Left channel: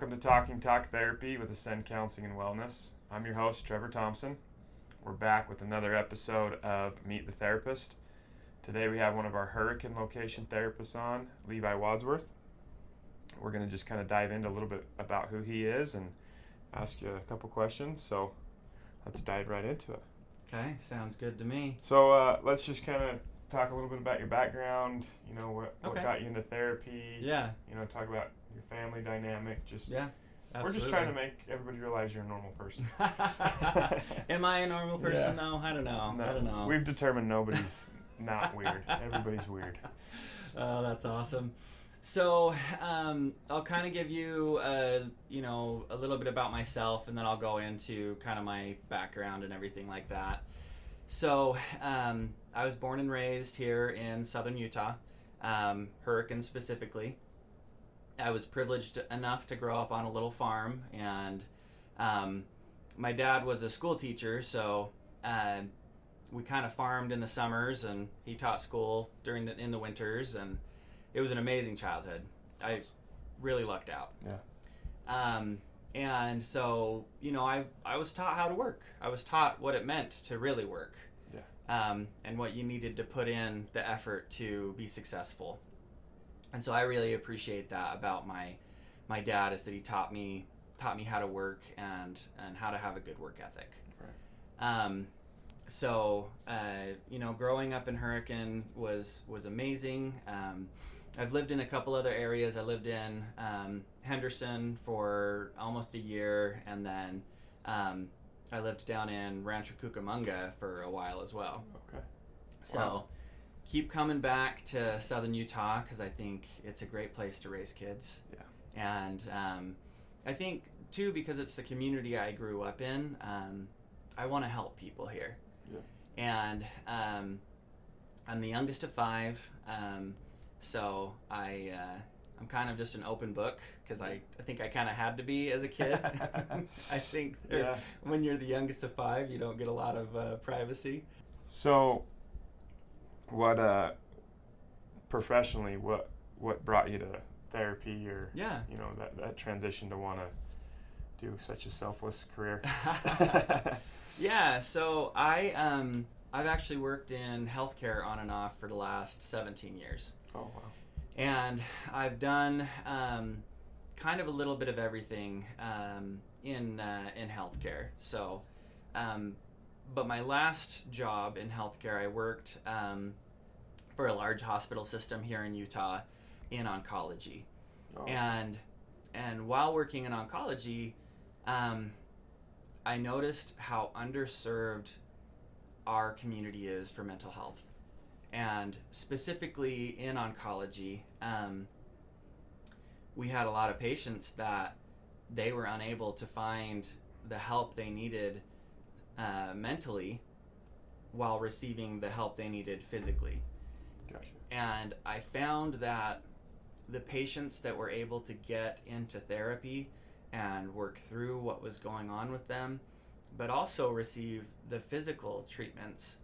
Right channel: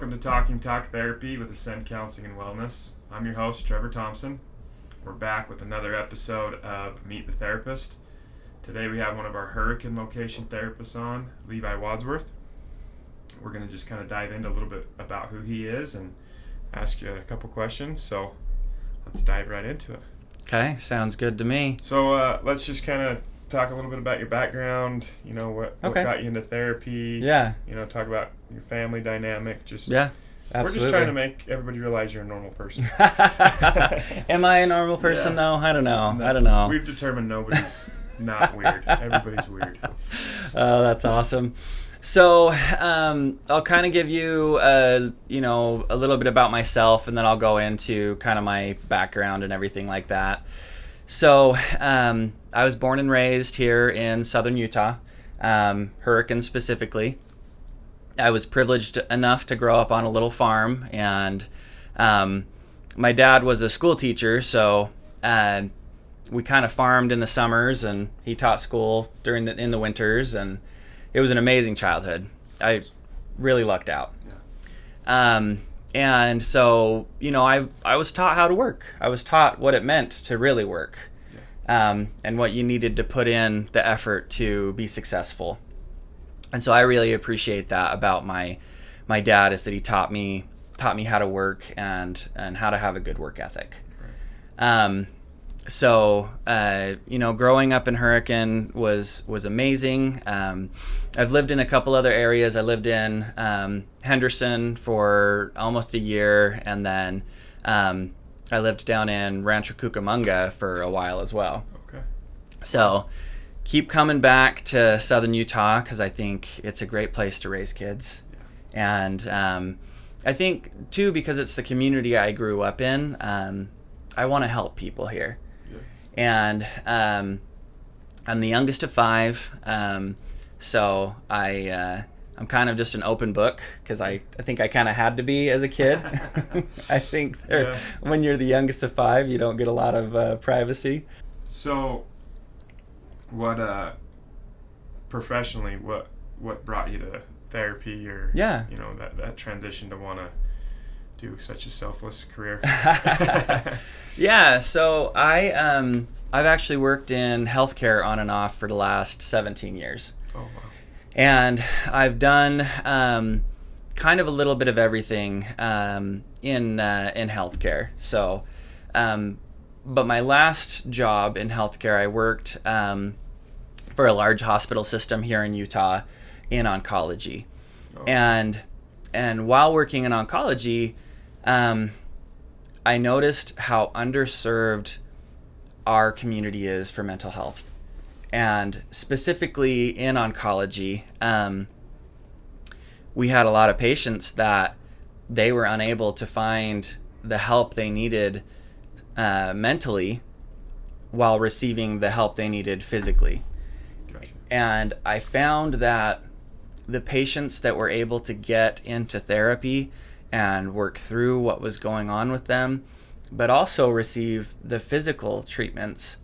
Welcome to Talking Talk Therapy with Ascend Counseling and Wellness. I'm your host, Trevor Thompson. We're back with another episode of Meet the Therapist. Today we have one of our Hurricane location therapists on, Levi Wadsworth. We're going to just kind of dive into a little bit about who he is and ask you a couple questions. So let's dive right into it. Okay, sounds good to me. So let's just kind of talk a little bit about your background, what got you into therapy. Yeah. Talk about your family dynamic. Yeah, absolutely. We're just trying to make everybody realize you're a normal person. Am I a normal person, though? I don't know. No, I don't know. We've determined nobody's not weird. Everybody's weird. Oh, that's awesome. So I'll kind of give you, a little bit about myself, and then I'll go into kind of my background and everything like that. So I was born and raised here in southern Utah, Hurricane specifically. I was privileged enough to grow up on a little farm, and my dad was a school teacher, so we kind of farmed in the summers, and he taught school in the winters, and it was an amazing childhood. I really lucked out. Yeah. And so, I was taught how to work. I was taught what it meant to really work, and what you needed to put in the effort to be successful. And so I really appreciate that about my dad, is that he taught me how to work and how to have a good work ethic. Right. Growing up in Hurricane was amazing. I've lived in a couple other areas. I lived in Henderson for almost a year, and then I lived down in Rancho Cucamonga for a while as well. Okay. So keep coming back to southern Utah because I think it's a great place to raise kids. Yeah. And I think, too, because it's the community I grew up in, I want to help people here. Yeah. And I'm the youngest of five, so I'm kind of just an open book because I think I kind of had to be as a kid. I think when you're the youngest of five, you don't get a lot of privacy. So what professionally, what brought you to therapy, or that transition to want to do such a selfless career? Yeah, so I've actually worked in healthcare on and off for the last 17 years. Oh, wow. And I've done kind of a little bit of everything in healthcare. So, but my last job in healthcare, I worked for a large hospital system here in Utah in oncology. Oh. And while working in oncology, I noticed how underserved our community is for mental health. And specifically in oncology, we had a lot of patients that they were unable to find the help they needed mentally while receiving the help they needed physically. Gotcha. And I found that the patients that were able to get into therapy and work through what was going on with them, but also receive the physical treatments,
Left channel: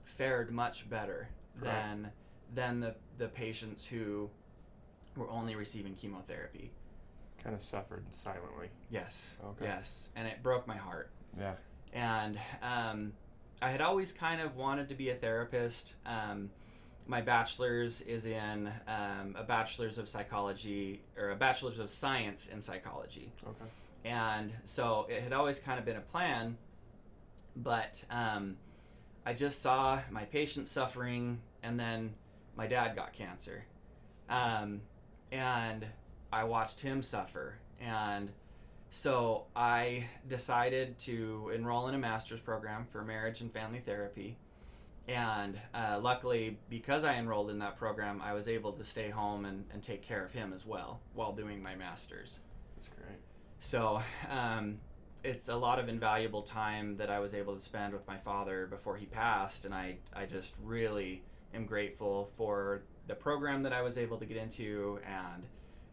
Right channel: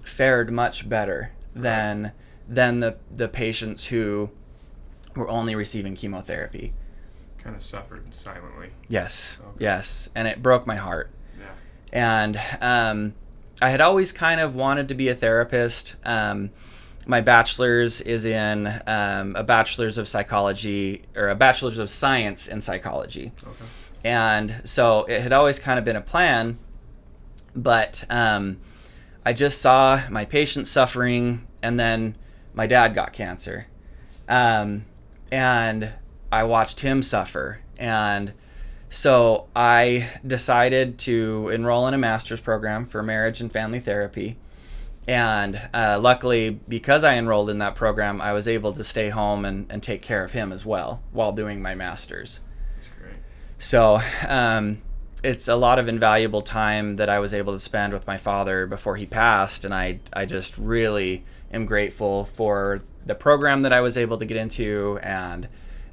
fared much better than the patients who were only receiving chemotherapy. Kind of suffered silently. Yes, okay. Yes, and it broke my heart. Yeah. And I had always kind of wanted to be a therapist. My bachelor's is in a bachelor's of psychology, or a bachelor's of science in psychology. Okay. And so it had always kind of been a plan, but I just saw my patients suffering, and then my dad got cancer. And I watched him suffer. And so I decided to enroll in a master's program for marriage and family therapy. And luckily, because I enrolled in that program, I was able to stay home and take care of him as well while doing my master's. That's great. So it's a lot of invaluable time that I was able to spend with my father before he passed, and I just really am grateful for the program that I was able to get into, and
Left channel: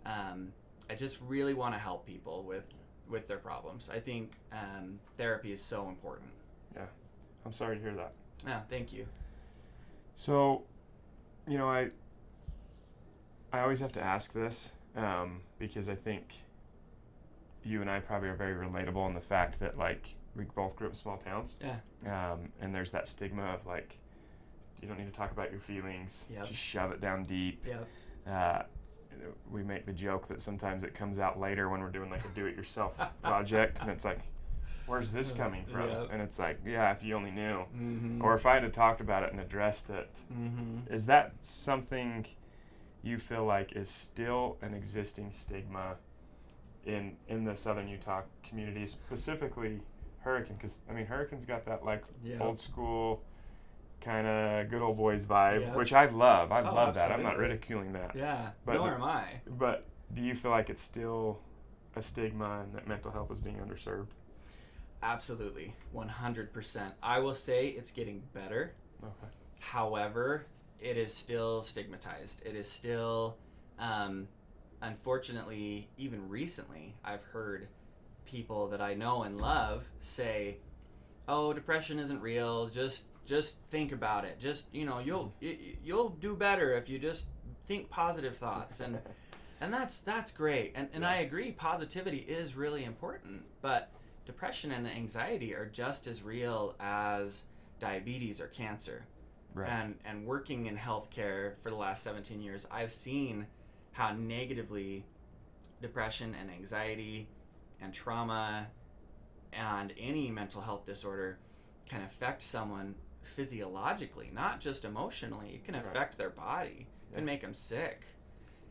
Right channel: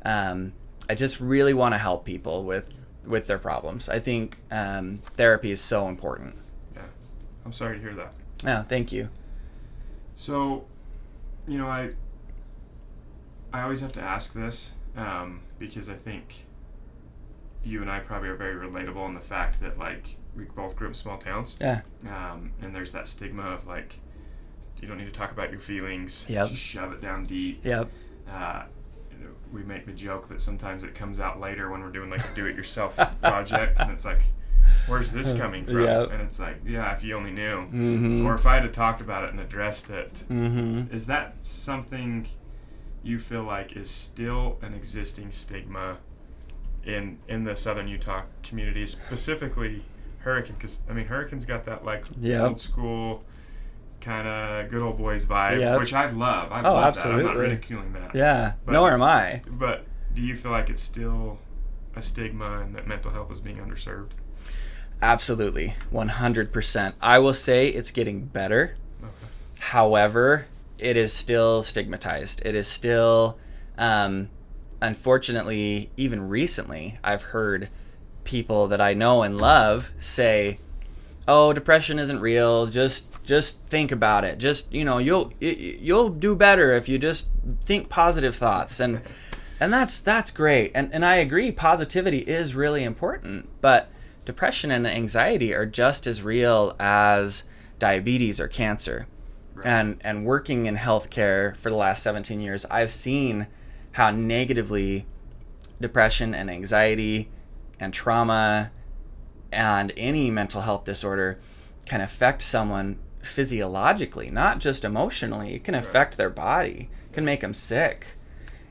I just really want to help people with their problems. I think therapy is so important. Yeah. I'm sorry to hear that. Yeah, thank you. So, I always have to ask this because I think you and I probably are very relatable in the fact that like we both grew up in small towns. Yeah. And there's that stigma of like, you don't need to talk about your feelings. Yep. Just shove it down deep. Yep. We make the joke that sometimes it comes out later when we're doing like a do-it-yourself project, and it's like, where's this coming from? Yep. And it's like, yeah, if you only knew. Mm-hmm. Or if I had talked about it and addressed it. Mm-hmm. Is that something you feel like is still an existing stigma in the Southern Utah community, specifically Hurricane? Because, I mean, Hurricane's got that like old school kind of good old boys vibe, which I love. I love absolutely. that. I'm not ridiculing that. Yeah, nor am I. But do you feel like it's still a stigma and that mental health is being underserved? Absolutely, 100%. I will say it's getting better. Okay. However, it is still stigmatized. It is still, unfortunately, even recently, I've heard people that I know and love say, "Oh, depression isn't real. Just think about it. Just, you'll do better if you just think positive thoughts." And that's great. And I agree, positivity is really important, but depression and anxiety are just as real as diabetes or cancer. Right. And working in healthcare for the last 17 years, I've seen how negatively depression and anxiety and trauma and any mental health disorder can affect someone physiologically, not just emotionally. It can affect their body. It can make them sick.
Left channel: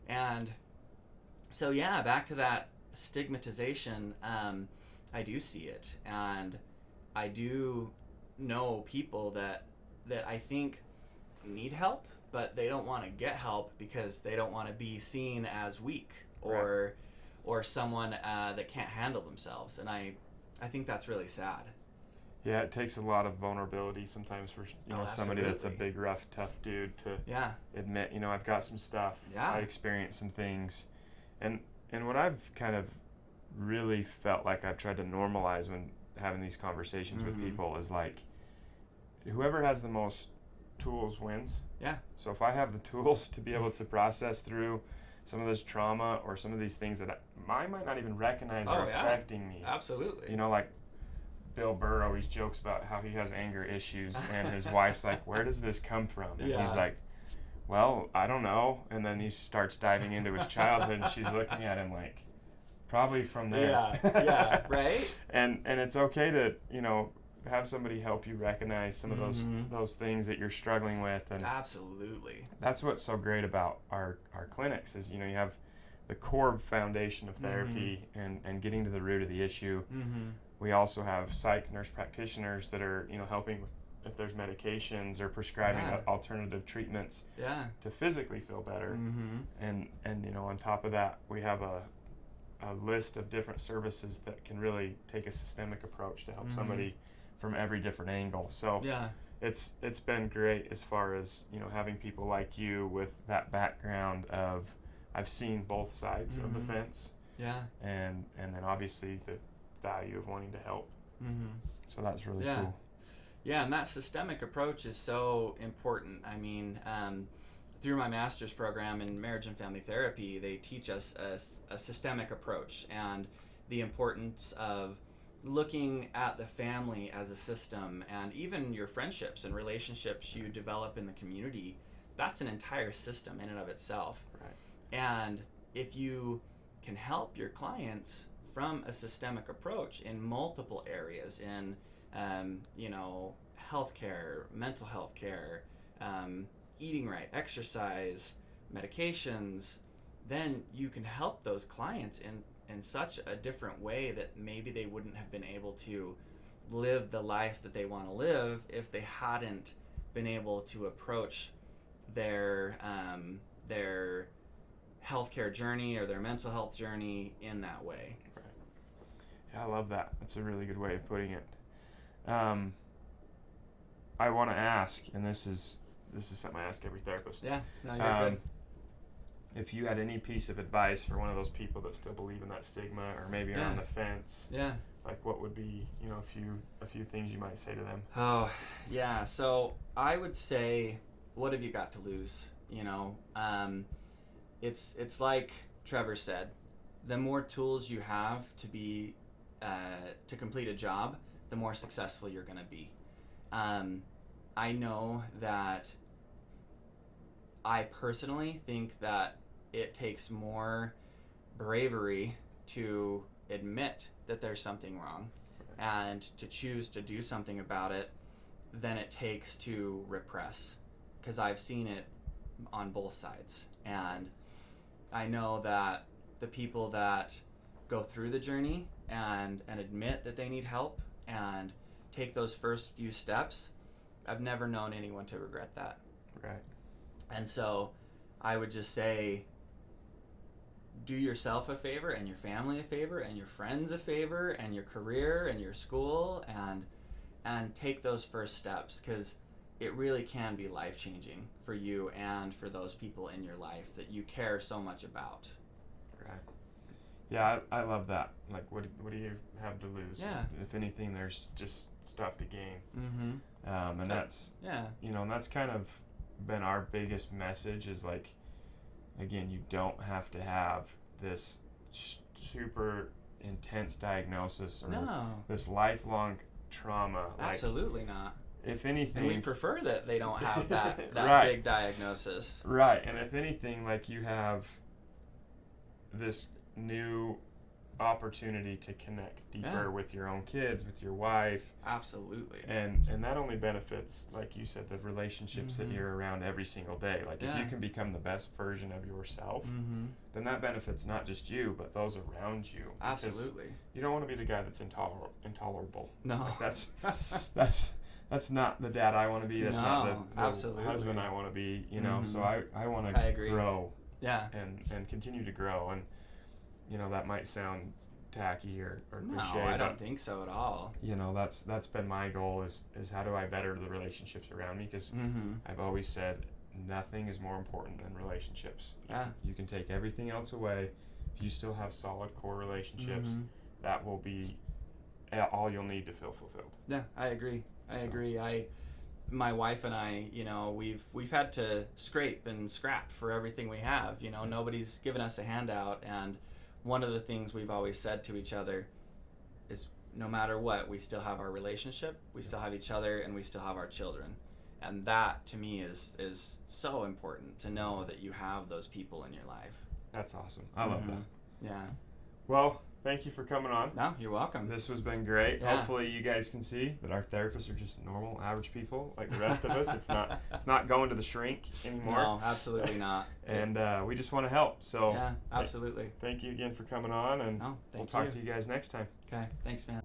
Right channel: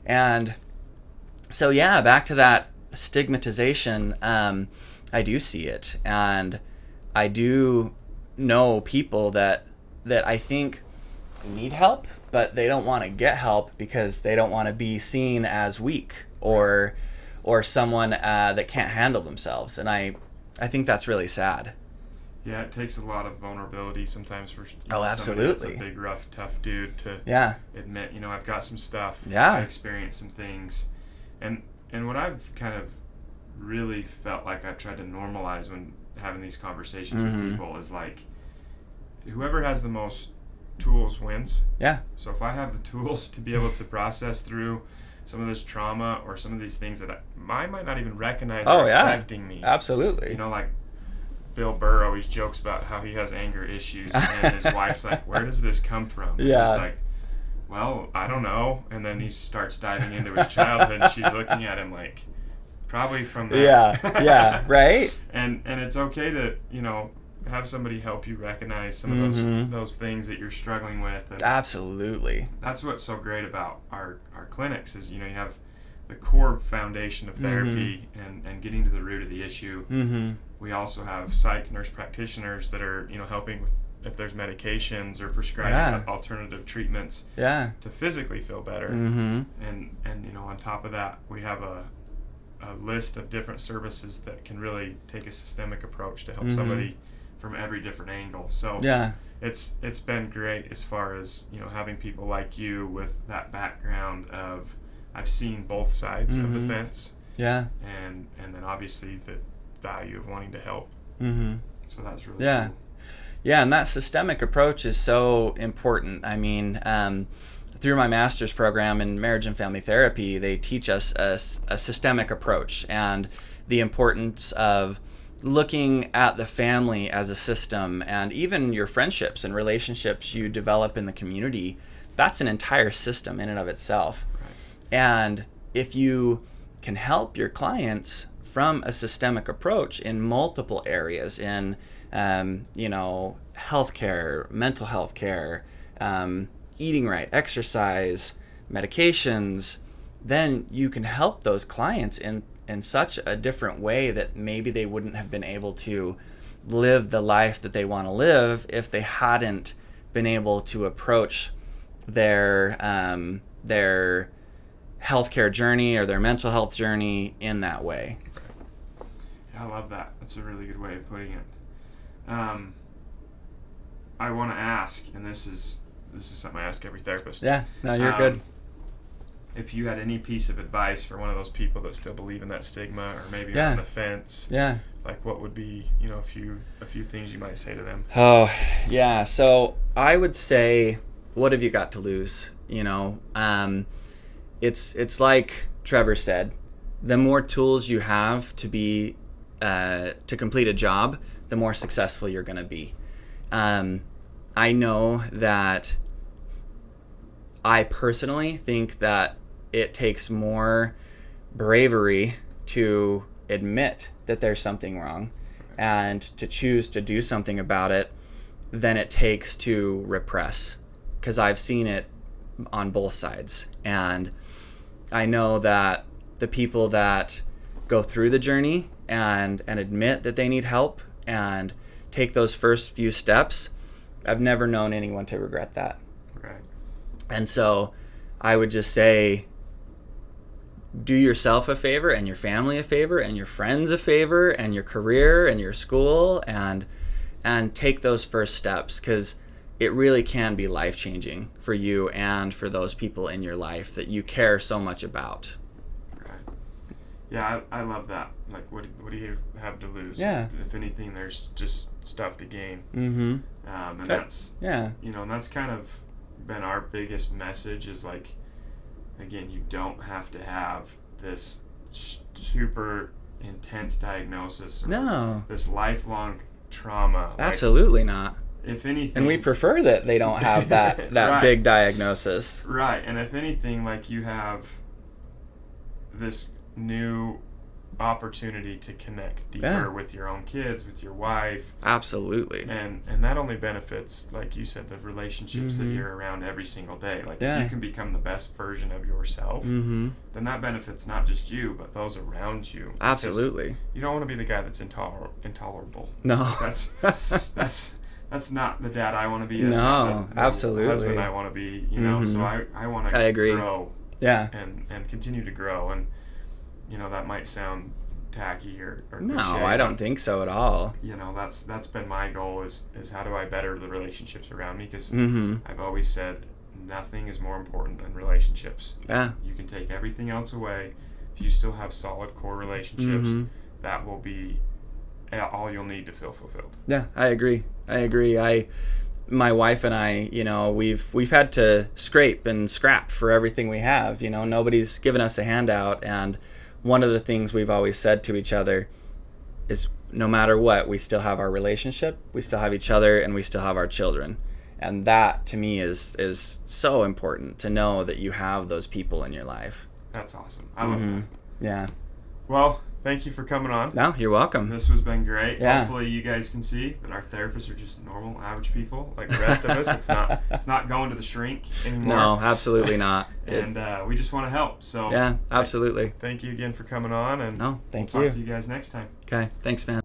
And so, yeah, back to that stigmatization, I do see it. And I do know people that I think need help, but they don't want to get help because they don't want to be seen as weak or someone that can't handle themselves. And I think that's really sad. Yeah, it takes a lot of vulnerability sometimes for absolutely. Somebody that's a big, rough, tough dude to admit, I've got some stuff. Yeah. I experienced some things. And what I've kind of really felt like I've tried to normalize when having these conversations with people is like, whoever has the most tools wins. Yeah. So if I have the tools to be able to process through some of this trauma or some of these things that I might not even recognize are affecting me. Absolutely. Like Bill Burr always jokes about how he has anger issues, and his wife's like, where does this come from? And he's like, well, I don't know. And then he starts diving into his childhood, and she's looking at him like, probably from that. Yeah, right? And it's okay to, have somebody help you recognize some of those things that you're struggling with. And absolutely. That's what's so great about our clinics is, you have the core foundation of therapy and getting to the root of the issue. We also have psych nurse practitioners that are, helping with if there's medications or prescribing alternative treatments to physically feel better. And on top of that, we have a list of different services that can really take a systemic approach to help somebody from every different angle. So it's been great as far as, having people like you with that background of I've seen both sides of the fence. Yeah. And then obviously the value of wanting to help. So that's really cool. Yeah, and that systemic approach is so important. I mean, through my master's program in marriage and family therapy, they teach us a systemic approach and the importance of looking at the family as a system, and even your friendships and relationships you develop in the community. That's an entire system in and of itself. Right. And if you can help your clients from a systemic approach in multiple areas, in healthcare, mental health care, eating right, exercise, medications, then you can help those clients in such a different way that maybe they wouldn't have been able to live the life that they want to live if they hadn't been able to approach their healthcare journey or their mental health journey in that way. Yeah, I love that. That's a really good way of putting it. I want to ask, and this is something I ask every therapist. Yeah, no, you're good. If you had any piece of advice for one of those people that still believe in that stigma or maybe on the fence, like what would be, a few things you might say to them? Oh, yeah. So I would say, what have you got to lose? It's like Trevor said, the more tools you have to be to complete a job, the more successful you're going to be. I know that I personally think that it takes more bravery to admit that there's something wrong and to choose to do something about it than it takes to repress, because I've seen it on both sides. And I know that the people that go through the journey and admit that they need help and take those first few steps, I've never known anyone to regret that. Right. And so I would just say, do yourself a favor and your family a favor and your friends a favor and your career and your school, and take those first steps, because it really can be life-changing for you and for those people in your life that you care so much about. Right. Yeah, I love that. Like, what do you have to lose? Yeah. If anything, there's just stuff to gain. Mm-hmm. And that's, yeah. And that's kind of been our biggest message is, like, again, you don't have to have this super intense diagnosis or this lifelong trauma. Absolutely not. If anything, and we prefer that they don't have that right. big diagnosis. Right. And if anything, like, you have this new opportunity to connect deeper with your own kids, with your wife. Absolutely. And that only benefits, like you said, the relationships that you're around every single day. Like, if you can become the best version of yourself, then that benefits not just you, but those around you. Absolutely. You don't want to be the guy that's intolerable. No. That's not the dad I want to be. That's no, not the absolutely. husband I want to be, so I want to grow. Yeah. And continue to grow. And, that might sound tacky or no, cliche, I don't think so at all. That's been my goal is how do I better the relationships around me? Because I've always said nothing is more important than relationships. Yeah. You can take everything else away. If you still have solid core relationships, that will be all you'll need to feel fulfilled. Yeah, I agree. My wife and I, we've had to scrape and scrap for everything we have. Nobody's given us a handout, and one of the things we've always said to each other is, no matter what, we still have our relationship, we still have each other, and we still have our children. And that, to me, is so important, to know that you have those people in your life. That's awesome. I love that. Yeah. Well, thank you for coming on. No, you're welcome. This has been great. Yeah. Hopefully you guys can see that our therapists are just normal, average people like the rest of us. It's not going to the shrink anymore. No, absolutely not. And we just want to help. So yeah, absolutely. Thank you again for coming on. And no, thank we'll you. Talk to you guys next time. Okay, thanks, man.